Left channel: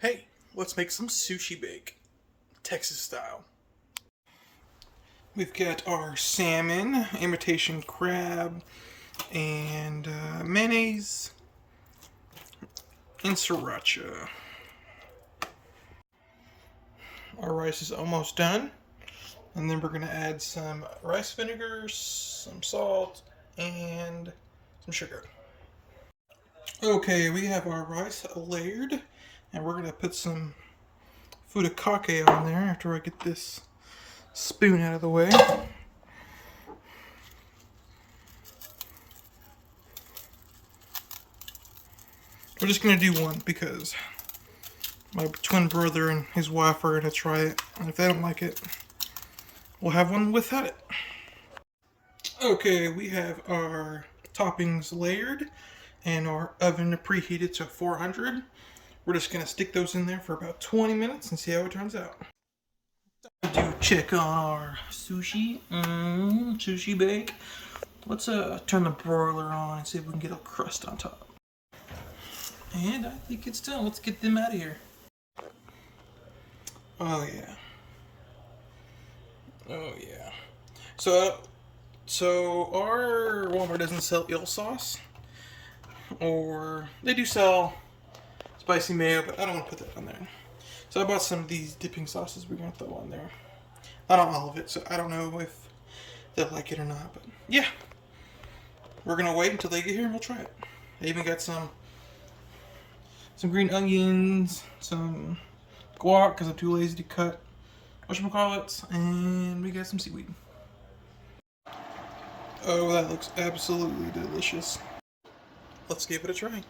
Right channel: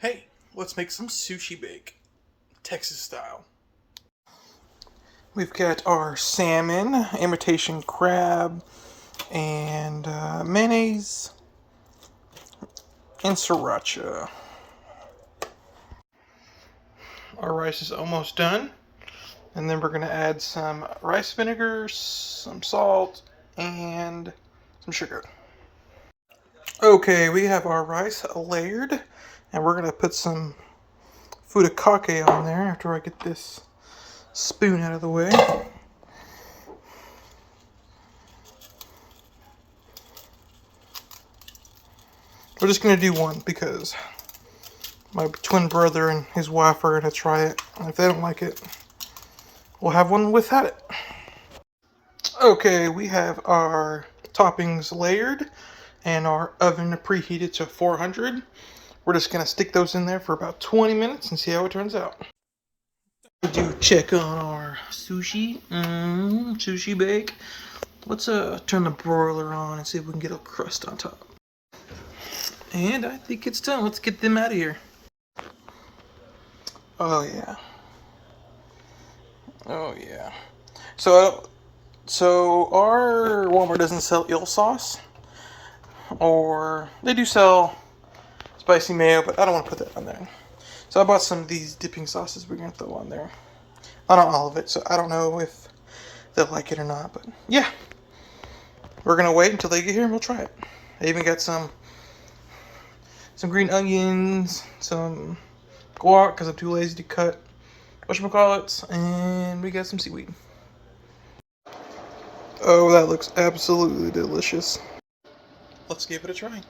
Hey, let's make some sushi bake, Texas style. We've got our salmon, imitation crab, and mayonnaise, and sriracha. Our rice is almost done. And then we're going to add some rice vinegar, some salt, and some sugar. Okay, we have our rice layered, and we're going to put some furikake on there after I get this spoon out of the way. We're just going to do one because my twin brother and his wife are going to try it, and if they don't like it, we'll have one without it. Okay, we have our toppings layered and our oven preheated to 400. We're just going to stick those in there for about 20 minutes and see how it turns out. We do check on our sushi. Sushi bake. Let's turn the broiler on and see if we can get a crust on top. And I think it's done. Let's get them out of here. Oh yeah. Oh yeah. So our Walmart doesn't sell eel sauce, or they do sell spicy mayo, but I don't want to put that on there. So I bought some of these dipping sauces we're gonna throw on there. Not all of it, so I don't know if they'll like it or not, but yeah. We're gonna wait until they get here and we'll try it. I even got some green onions, some guac because I'm too lazy to cut whatchamacallits, and we got some seaweed. Oh, that looks absolutely delicious. Let's give it a try.